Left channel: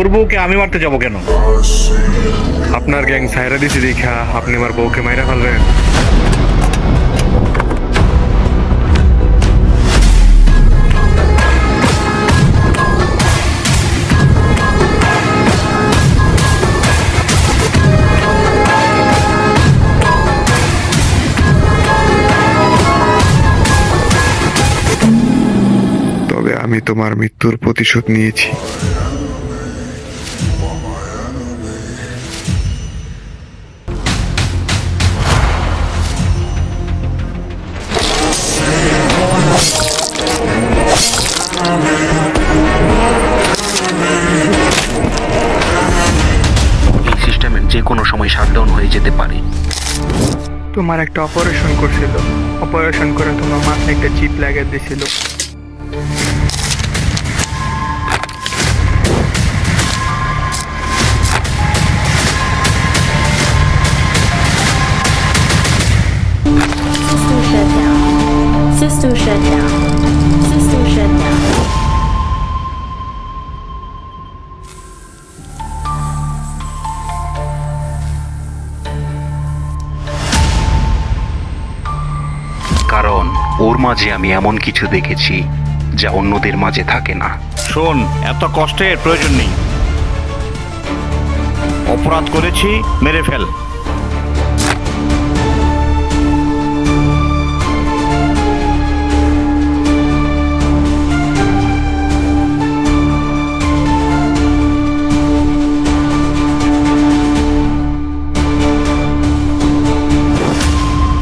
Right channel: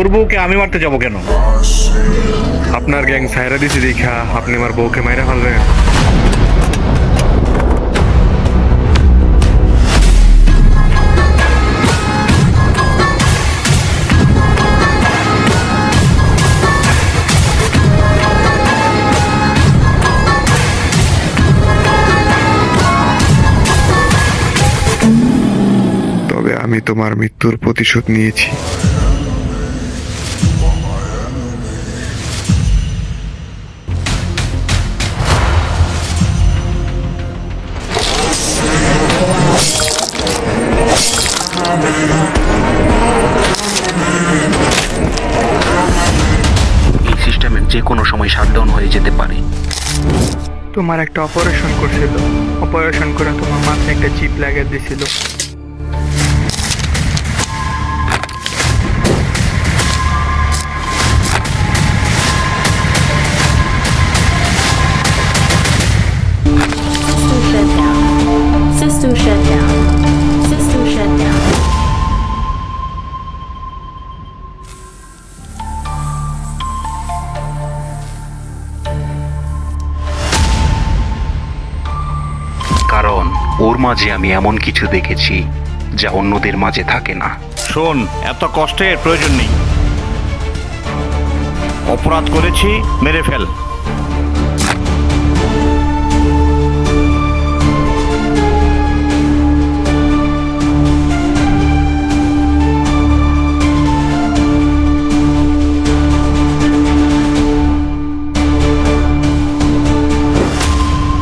তোর বউকে আমি মারতে যাবো কেন? আপনার গ্যাং ছাইরা দিছি দেখা আপনি আমার বউকে মাইরা ফেলবেন? তবে আমি তোমার মৃত্যুর প্রতিশোধ নিয়েছি। এই সিস্টেমের যে কোনো সময় শাটডাউন হয়ে যেতে পারে। তোমার একটা অপারেশন করছিল, অপারেশন করে তোমার মাথায় একটা চিপ লাগিয়ে দিছিল। System shut down. System shut down. System shut down. কারণ ওর মাঝে আমি এমন কিছু দেখেছি যা অন্যদের মাঝে থাকে না। শোন, এত কষ্টের প্রয়োজন নেই। অপরাধ করেছি, মেরে ফেল।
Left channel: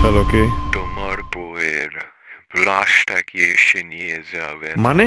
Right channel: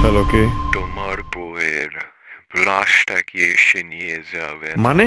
হ্যালো, কে? তোমার বউয়ের লাশটা কি এসে নিয়ে যাবে? মানে